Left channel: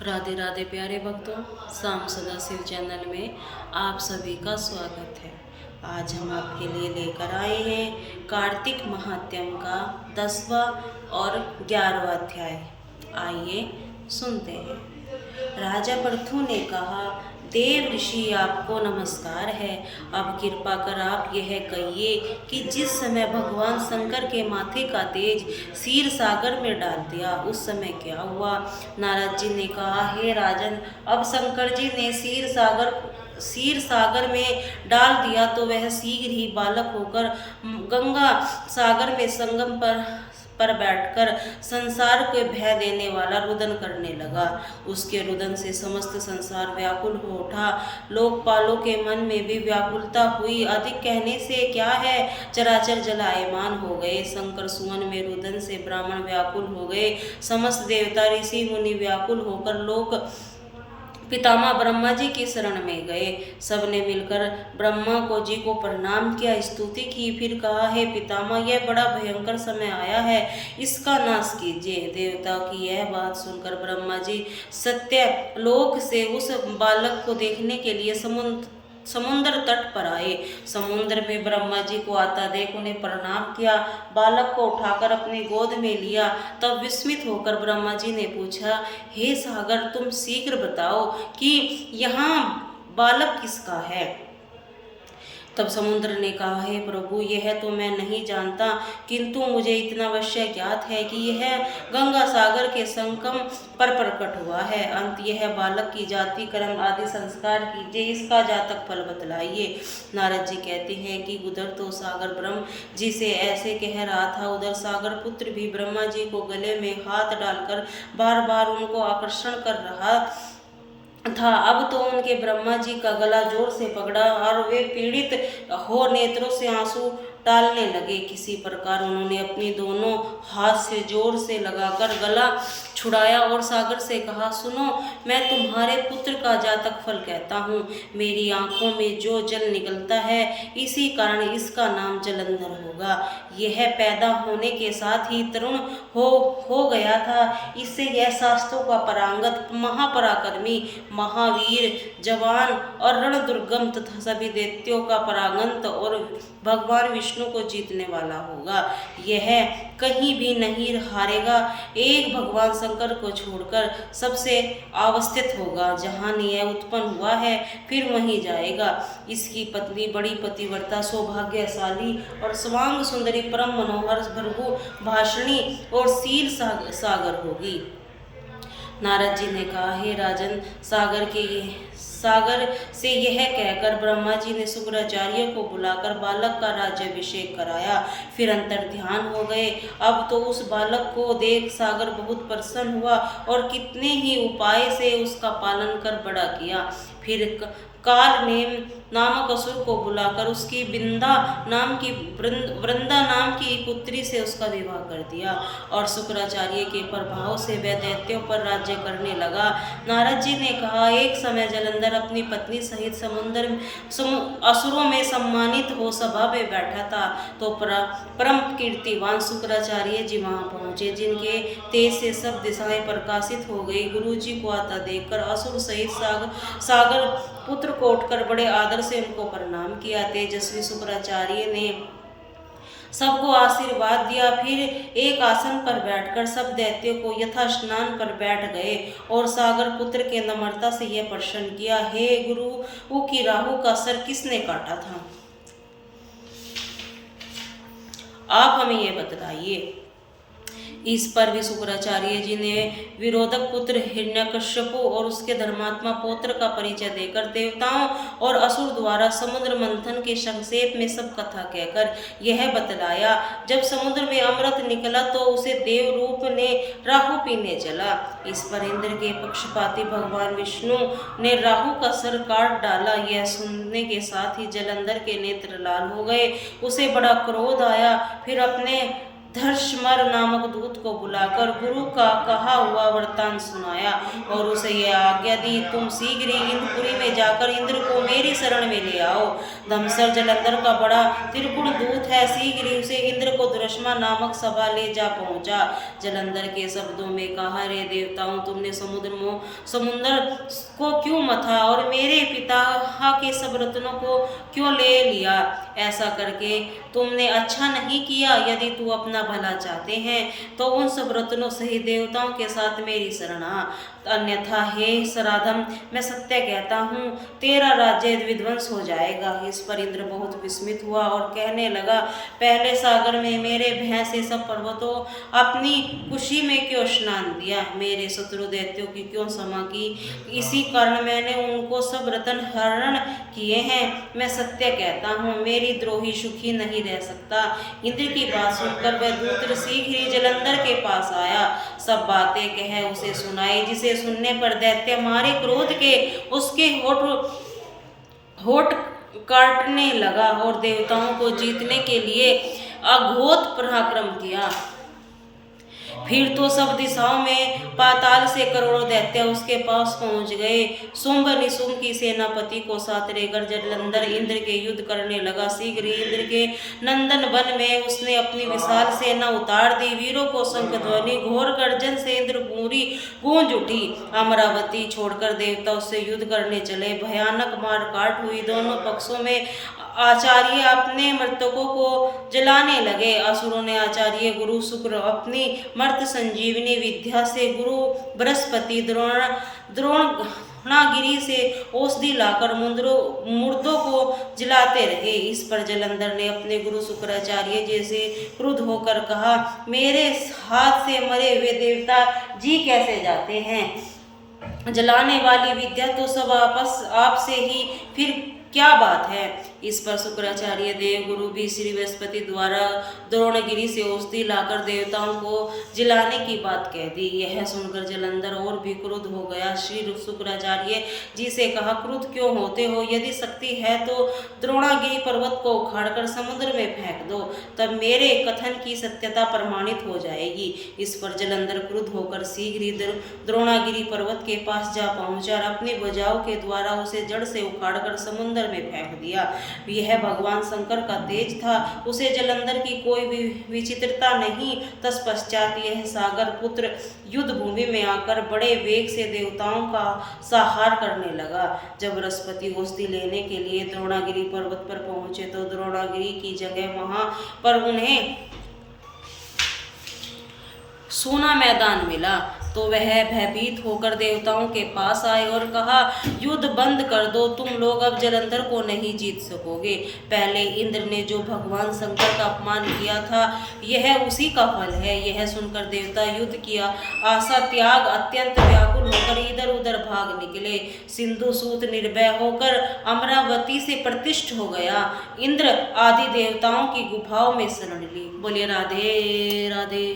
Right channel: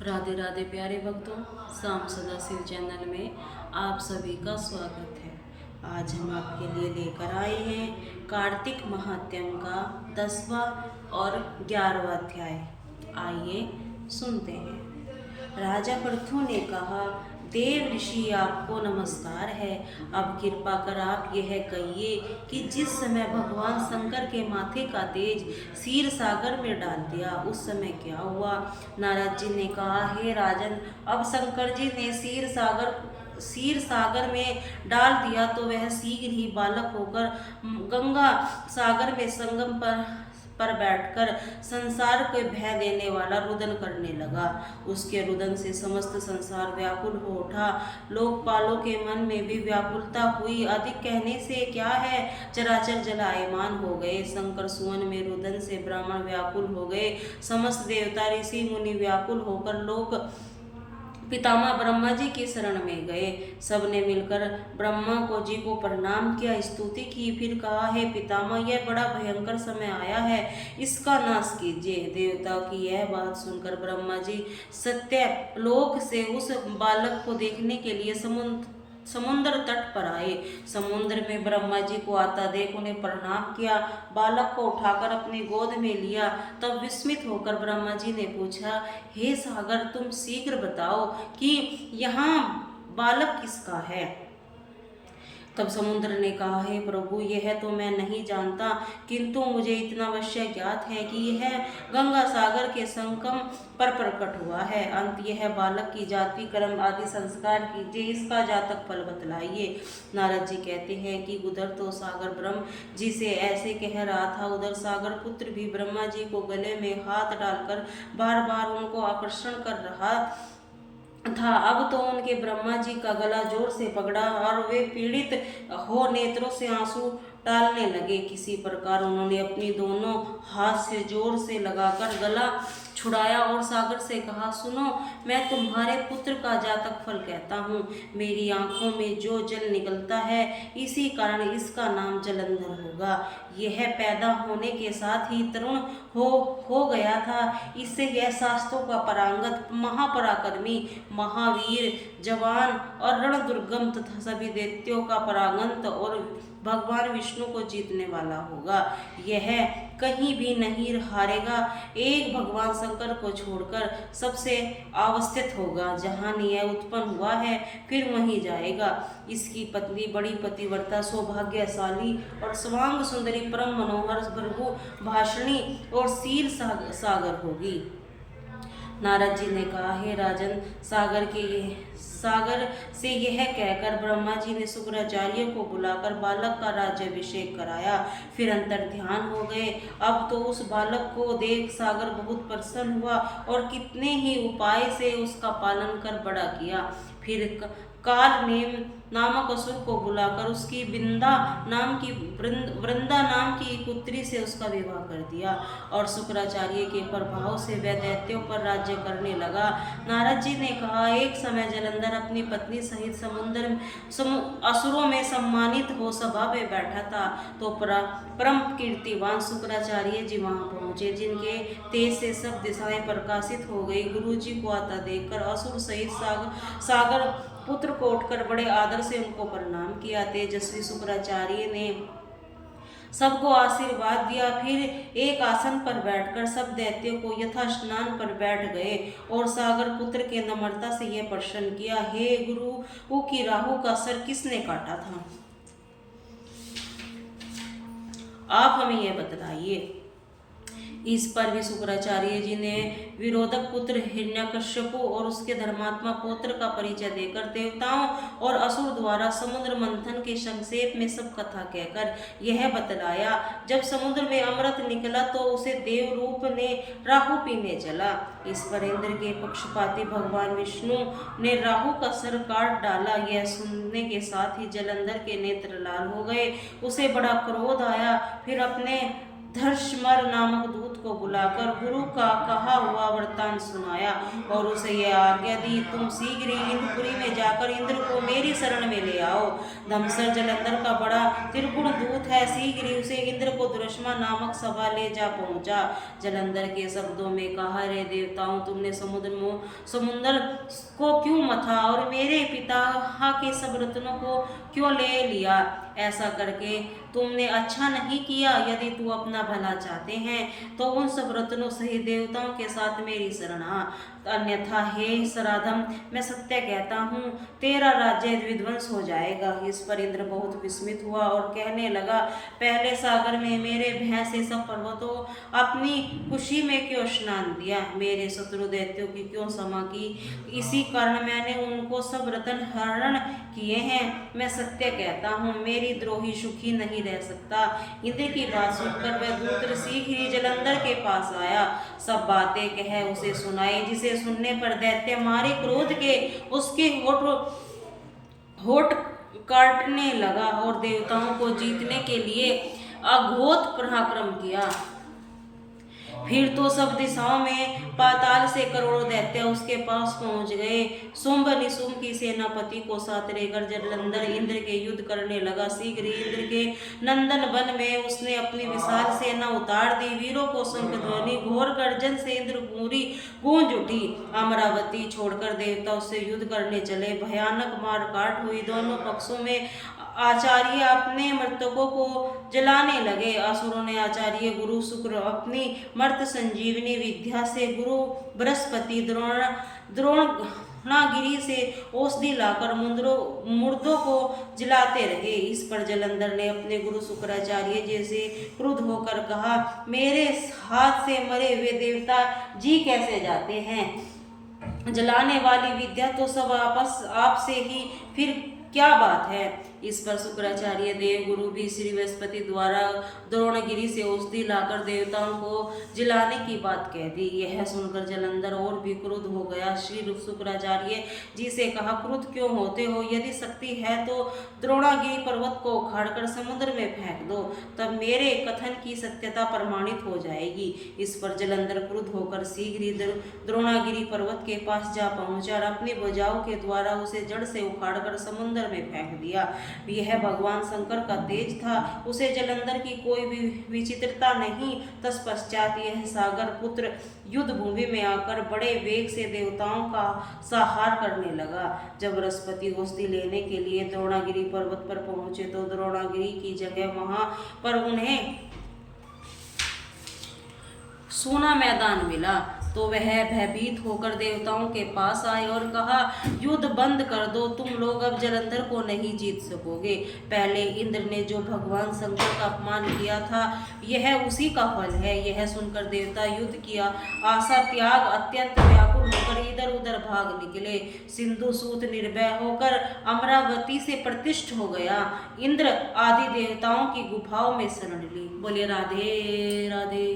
राधे राधे प्यारे भक्तों, शाम सदा शिव चैनल में आप सभी का स्वागत है। आज हम आपके लिए लेकर आए हैं कार्तिक महात्म्य का 10वां और 11वां अध्याय। आइए सुनते हैं। राजा पृथु ने कहा, देव ऋषि आपको नमस्कार है। अब कृपा कर आप यह कहिए कि जिस समय भगवान शंकर के माथे का तेज क्षीर सागर में डाल दिया उस समय क्या हुआ। नारद जी ने कहा, हे राजन, अब शंकर जी ने क्षीर सागर में डाल दिया तो वह शीघ्र ही बालक होकर गंगा सागर में संगम पर बैठकर संसार को भय देने वाला रुदन करने लगा। उसके रुदन से समस्त संसार व्याकुल हो उठा। लोकपालों के मन में भी व्याकुलता हुई। अधिक कहने से क्या है, चराचर जलायमान हो गए। शंकर सुवन में रुदन से ब्राह्मण व्याकुल हो गए। समस्त देवता ऋषि मुनि व्याकुल होकर लोक पितामह ब्रह्मा जी की शरण में गए। सबने मिलकर ब्रह्मा जी को प्रणाम किया, स्तुति की। फिर कहा, हे पितामह, यह बड़ा भयंकर समय आया है, इसका नाश कीजिए। देवताओं की यह बात सुनकर ब्रह्मा जी सत्यलोक से उस बालक को देखने के लिए समुद्र तट पर आए। समुद्र में ब्रह्मा जी को आता देख उन्हें प्रणाम किया, बालक को उठाकर अपनी गोद में लिया। तब विस्मित होकर ब्रह्मा जी ने पूछा, हे सागर, तुम शीघ्र बताओ कि यहाँ बालक किसका है। तब समुद्र ने कहा, हे प्रभु, यह तो मैं नहीं जानता, किंतु मुझे इतना अवश्य ज्ञात है कि यह गंगा सागर के संगम पर प्रकट हुआ है। अंत यह बालक की जाति, कर्म आदि संस्कार कीजिए, इसका जातक फल बतलाइए। नारद जी कहते हैं कि उधर तो सागर ब्रह्म जी से ऐसे कह रहा था, उधर सागर पुत्र भी ब्रह्मा जी को गले में हाथ डालकर बार बार उनको आकर्षण कर रहा था। अब तो उनके ब्रह्मा जी का गला जोर से पकड़ा और वे पीड़ित हो नेत्रों से आंसू डालने लगे। किसी प्रकार उन्होंने अपनी दोनों हाथ से जोर से लगाकर गला छुड़ाया और सागर से कहा, सुनो, मैं तुम्हारे पुत्र का जातक फल कहता हूँ। मेरी आंखों में जो जल निकलता है, इसी कारण इसका नाम जलंधर होगा। यह पैदा होने के साथ ही तरुण हो गया था। इससे यह शास्त्रों का पारंगत, महापराक्रमी, महावीर, जवान और रण दुर्गम तथा सभी दैत्यों का परागंत और भगवान विष्णु को जीतने वाला होगा। यह कहीं भी नहीं हारेगा। एक भगवान शंकर को छोड़कर सबसे अवस्थित होगा। जहाँ यह उत्पन्न हुआ है फिर वहीं जाएगा। इसकी पत्नी बड़ी पतिव्रता, सौभाग्यशाली और स्वांग सुंदरी, परम मनोहर, भृगु भाषणी और शील सागर होगी। नारद जी ने कहा, हे राजन, सागर से यह कहकर ब्रह्मा जी ने शुक्राचार्य को बुलाकर बालक का राज्याभिषेक कराया। फिर अंतर ध्यान हो गए। अब तो उस बालक को देख सागर बहुत प्रसन्न हुआ और कितने ही उपाय से उसका पालन कर बड़ा किया। फिर काल नामक असुर को बुलाकर उसकी वृंदा नाम की पुत्री से उसका विवाह कर दिया और शुक्राचार्य के प्रभाव से वह दैत्यों पर राज्य करने लगा। नारद जी ने कहा, एक समय जलंधर अपनी पत्नी सहित असुरों में सम्मानित हो सभा में बैठा था तो परम कीर्तिवान शुक्राचार्य जी वहां पहुंचे, जिनके तेज से सब दिशाएं प्रकाशित हो गई। गुरु जी को आता देखकर असुर सहित सागर पुत्र को उठकर बड़े आदर से उनको प्रणाम किया। तेजस्वी शुक्राचार्य ने सबको आशीर्वाद दिया। फिर एक आसन पर बैठकर सब दैत्यों को यथा स्नान पर बैठ गए और सागर पुत्र के नम्रता से यह प्रश्न किया, हे गुरु, की राहु का सर किसने काटा था? आप हमें यह बतलाइए। इस पर भी शुक्राचार्य जी ने विरोधक पुत्र हिरण्यकश्यपु और उसके धर्मात्मा पौत्र का परिचय देकर देवताओं और असुर द्वारा समुद्र मंथन के संक्षेप में सब कथा कहकर यह बतलाया। जब समुद्र में अमृत निकला तो उसे देव रूप ने राहु पीने चला। इस पर इंद्र के पक्षपाती भगवान विष्णु ने राहु का सर काट डाला। यह सुनने के साथ ही जलंधर के नेत्र लाल हो गए। उसे बड़ा क्रोध आया। फिर अपने धर्षमर नामक दूत को बुलाकर गुरु का कहा हुआ वृत्तांत सुनाया और उसे यह आज्ञा दी, तुम शीघ्र ही इंद्रपुरी में जाकर इंद्र को मेरी शरण में ले आओ। धमसर जलंधर का बड़ा त्रिगुण दूत है, शीघ्र ही उसे इंद्र को दुर्षमा नामक सभा ले जा पहुंचा। जलंधर के शब्दों में कहा, रे देवताओं, तुमने समुद्र को क्यों मथा और मेरे पिता के सब रत्नों को क्यों ले लिया? ऐसा करके तुमने अच्छा नहीं किया। यदि तू अपना भला चाहते हैं तो उन सब रत्नों सहित देवताओं के साथ मेरी शरण आ, अन्यथा हे सराधम, मैं सत्य कहता हूँ तेरा राज्य विध्वंस हो जाएगा। इस पर इंद्र बहुत विस्मित हुआ और कहने लगा, पहले सागर में मेरे भैंस से सब पर्वतों अपनी खुशी में क्यों स्नान दिया? मेरे शत्रु दैत्यों की क्यों क्षमा की? इसी कारण मैंने उनको सब रत्न हरण किए हैं। मैं सत्य कहता हूँ मेरी द्रोही सुखी नहीं रह सकता। इंद्र की बात सुनकर वह दूत शीघ्र ही जलंधर के पास आया, सब बातें कह उसे सुनाई, जिसे सुनने पर दैत्य मारे क्रोध के उसके होठ काटने लगा और देवताओं को जीतने के लिए अघोर पराक्रम किया। फिर तो सब दिशाओं में पाताल से करोड़ों दैत्य उसके पास पहुंच गए। शुंभ निशुंभ की सेनापति को साथ लेकर जलंधर इंद्र के युद्ध करने लगा। शीघ्र ही इंद्र के नंदन वन में उसने अपनी विशाल सेना उतार दी। वीरों को शंख ध्वनि घोर गर्जन से इंद्रपुरी गूंज उठी। अमरावती छोड़कर देवता उससे युद्ध करने चले। भयानक मारकाट हुई। दोनों पक्षों में आचार्य अपने मृतकों को जलाने लगे। असुरों ने आचार्य गुरु शुक्र अपनी मर्त संजीवनी विद्या से गुरु बृहस्पति द्रोणागिरी से औषधि लाकर मुर्दों को जलाते रहे। इस पर जलंधर ने अपने गुरु शुक्राचार्य जी से क्रुद्ध होकर कहा, मेरे हाथ से मरे हुए देवता जी कैसे जाते हैं? जलाने वाली विद्या तो सब आपसे ही, फिर क्या बात है? इस पर शुक्राचार्य देव गुरु भी श्री बृहस्पति द्वारा द्रोणगिरी से औषधि लाकर देवताओं को जलाने की बात कह दी। यह सुनकर जलंधर और भी क्रुद्ध हो गया। श्री शुक्राचार्य जी से कहा, क्रुद्ध क्यों होते हो? यदि शक्ति है तो द्रोणागिरी पर्वत को उखाड़कर समुद्र में फेंक दो, तब मेरे कथन की सत्यता प्रमाणित हो जाएगी। इस पर जलंधर क्रुद्ध होकर शीघ्र ही द्रोणागिरी पर्वत के पास जा पहुंचा और अपनी भुजाओं के द्वारा उसे जड़ से उखाड़कर समुद्र में फेंक दिया। यह भगवान शंकर का तेज था, उसे जलंधर की कोई भी विचित्रता नहीं। तत्पश्चात यह सागर पुत्र युद्ध भूमि में आकर बड़े वेग से देवताओं का संहार करने लगा। जब बृहस्पति औषधि लेने के लिए द्रोणागिरी पर्वत पर पहुंचे तो द्रोणागिरी की जगह वहां पर उन्हें सोना मैदान मिला। तो वह भयभीत होकर देवताओं के पास आए और कहा, युद्ध बंद कर दो, तुम लोग अब जलंधर को नहीं जीत सकोगे। पहले इंद्र ने जो भगवान शंकर का अपमान किया था, यह उसी का फल है। यह सुनकर देवता युद्ध किया आशा त्याग अत्यंत व्याकुल होकर इधर उधर भाग निकले। सिंधु सूत निर्भय होकर अमरावती से प्रतिष्ठ हो गया। इंद्र आदि देवताओं की गुफाओं में शरण ली। बोलिए राधे राधे।